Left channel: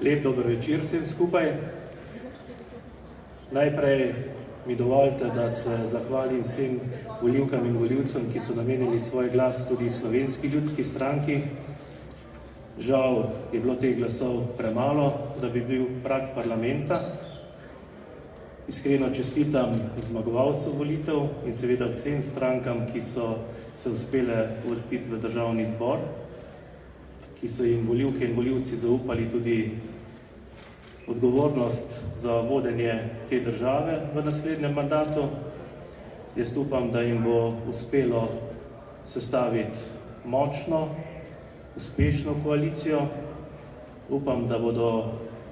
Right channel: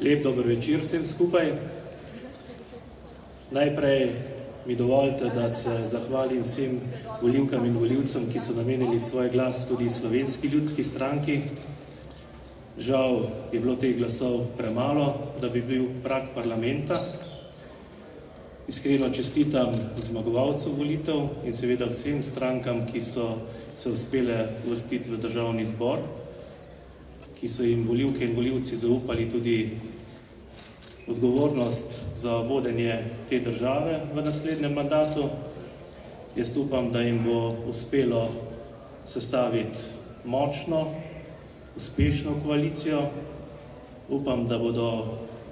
Lep dober večer vsem skupaj. Najprej mi dovolite, da se zahvalim vsem volivkam in volivcem, ki so namenili svoj glas tudi Slovenski ljudski stranki. Žal je bilo teh glasov premalo, da bi bil prag parlamenta. Iskreno čestitam zmagovalcu volitev in seveda vsem strankam, ki so se uspele uvrstiti v Državni zbor, ki so jim volivke in volivci zaupali tudi odgovornost za vodenje te države v naslednjem mandatu. Jaz upam, da jim bo uspelo sestaviti močno, uspešno koalicijo. Upam, da bodo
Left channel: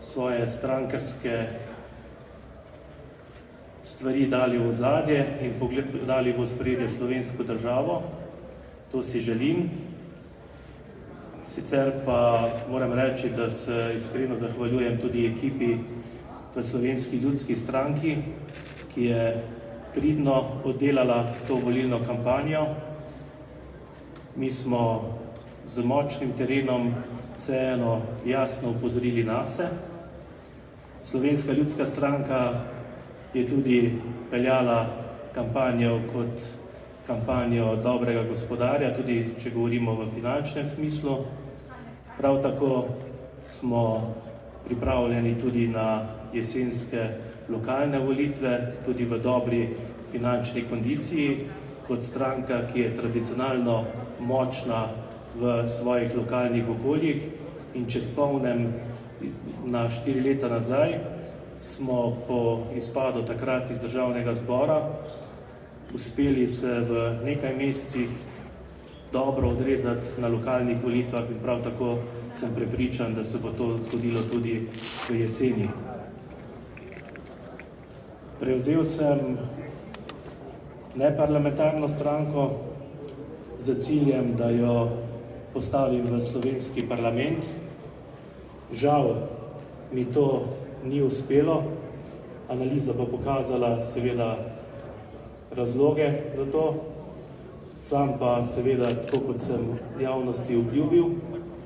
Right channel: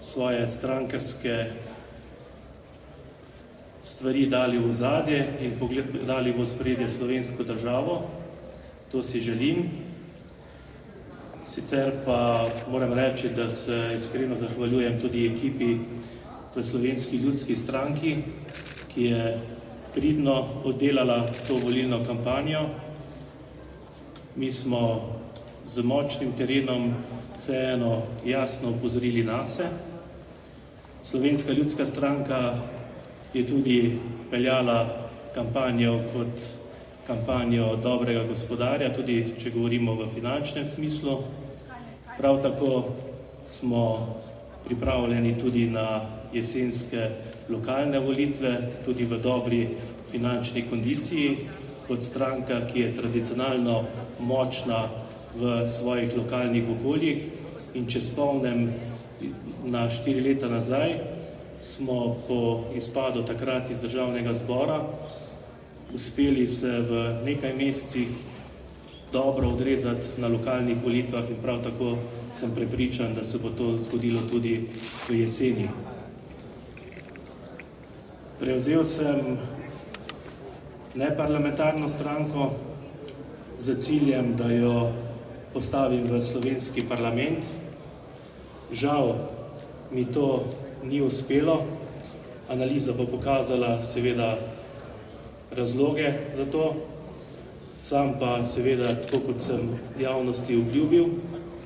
svoje strankarske stvari dali v ozadje in dali v ospredje slovensko državo. To si želim. Sicer pa moram reči, da se iskreno zahvaljujem tudi ekipi v Slovenski ljudski stranki, ki je pridno oddelala to volilno kampanjo. Mi smo z močnim terenom vseeno jasno opozorili nase. Slovenska ljudska stranka je tudi peljala kampanjo kot kampanjo dobrega gospodarja, tudi če govorimo v finančnem smislu. Prav tako smo pripravljeni tudi na jesenske lokalne volitve, tudi v dobri finančni kondiciji, kot stranka, ki je tradicionalno močna v svojih lokalnih okoljih. In če spomnim na 4 leta nazaj, smo po izpadu takrat iz Državnega zbora uspeli se v nekaj mesecih dobro odrezati na lokalnih volitvah in prav tako sem prepričan, da se bo to zgodilo tudi v jeseni. Prevzel sem neparlamentarno stranko z ciljem, da jo postavim v slovenski parlament. Žal mi to ni uspelo. Analiza bo pokazala seveda razloge za to. Sam pa seveda, tako kot sem javnosti obljubil,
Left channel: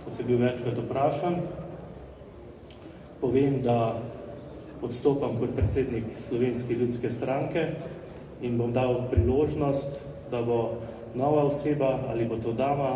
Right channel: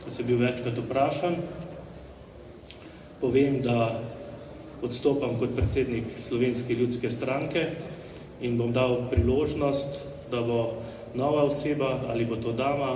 da sem bil večkrat vprašan, povem, da odstopam kot predsednik Slovenske ljudske stranke in bom dal priložnost, da bo nova oseba, ali bo to dama